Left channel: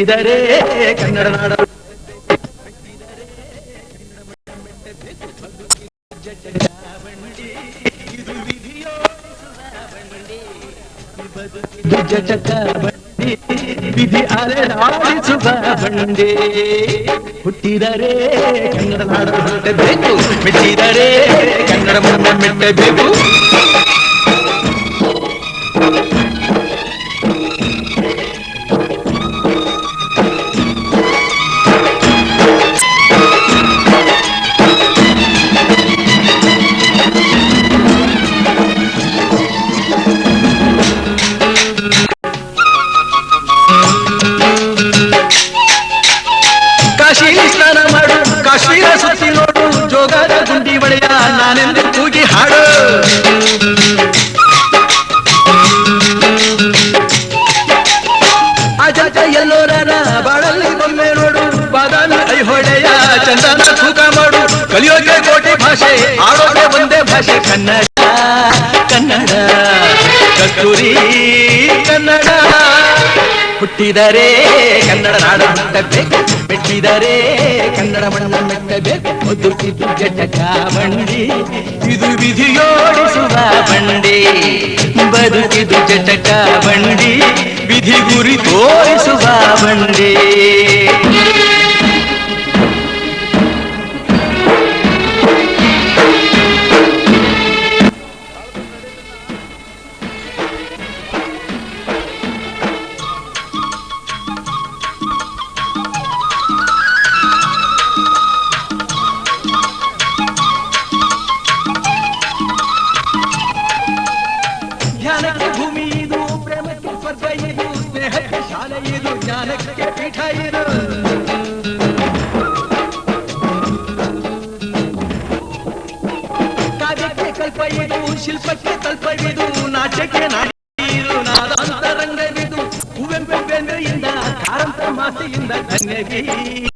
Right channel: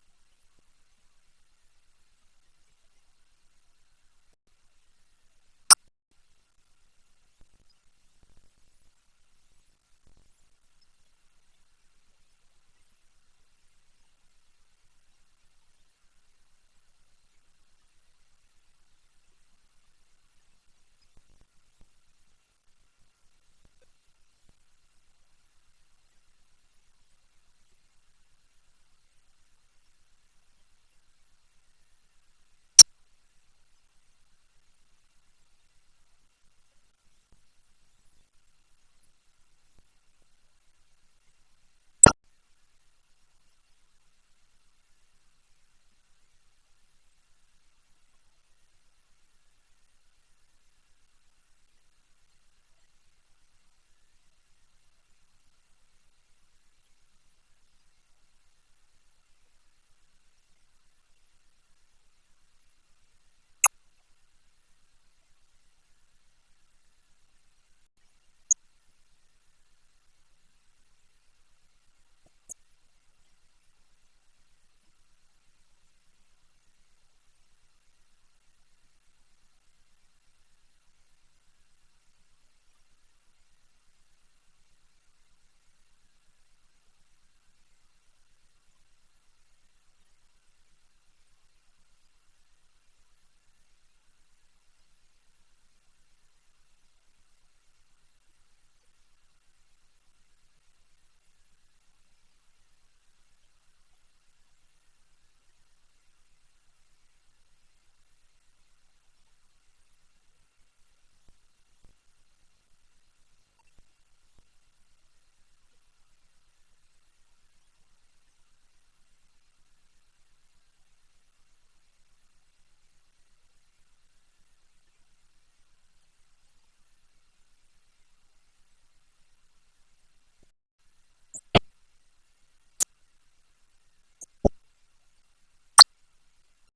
ಮೆಟ್ಟಿದರೆ ಕನ್ನಡ ನಾಡ ವಿಧಿ ಅಲೆದಾಡಿಸುವ ಬಂಡೆ ಹುಟ್ಟಿದರೆ ಕನ್ನಡ ನಾಡ ಮೆಟ್ಟಬೇಕು ಮೆಟ್ಟಿದರೆ ಕನ್ನಡ ಮಣ್ಣ ಮೆಟ್ಟಬೇಕು ಸ್ನಾನ ಮಾಡು ಕಾಶ್ಮೀರ ಸುತ್ತಿ ನೋಡು ಜೋಗದ ಗುಂಡಿ ಒಳೆಯ ನಾನೆಂದು ಕೂಗಿ ಹಾಡು ಅಜಾಜ ಎಲ್ಲೋರನ ಬಾಳಲ್ಲಿ ಬೊಮ್ಮೆ ನೋಡು ಬಾದಾಮಿ ಐಹೊಳೆಯ ಚಂದನ ತೂಕ ಮಾಡು ಕಲಿಯೋಕೆ ಕೋಟಿ ಭಾಷೆ ಆಡೋಕೆ ಒಂದೇ ಭಾಷೆ ಕನ್ನಡ ಕನ್ನಡ ಕಸ್ತೂರಿ ಕನ್ನಡ ಹುಟ್ಟಿದರೆ ಕನ್ನಡ ನಾಡ ಹುಟ್ಟಬೇಕು ಮೆಟ್ಟಿದರೆ ಕನ್ನಡ ಮಣ್ಣ ಮೆಟ್ಟಬೇಕು ಬದುಕಿದು ಜಟಕ ಬಂಡಿ ಇದು ವಿಧಿಯೋಡಿಸುವ ಬಂಡಿ ಬದುಕಿದು ಜಟಕ ಬಂಡಿ ವಿಧಿ ಗುರಿ ತೋರಿಸುವ ಬಂಡಿ ಜ್ಞಾನಕ್ಕೆ ಭೂಮಿ ಇದು ಪ್ರೇಮಕ್ಕೆ ಸ್ವರ್ಗ ಇದು ಸ್ನೇಹಕ್ಕೆ ಶಾಲೆ ಇದು ಜ್ಞಾನಕ್ಕೆ ಪೀಠ ಇದು ಕಾವ್ಯಕ್ಕೆ ಕಲ್ಪ ಇದು ಶಿಲ್ಪಕ್ಕೆ ಕಲ್ಪ ಇದು ನಾಟ್ಯಕ್ಕೆ ನಾಡಿದು ನಾದಾಂತರಂಗವಿದು ಕುವೆಂಪು ಬೆಂದ್ರೆಯಿಂದ ಕಾರಂತ ಮಾತೆಯಿಂದ ಧನ್ಯವಿ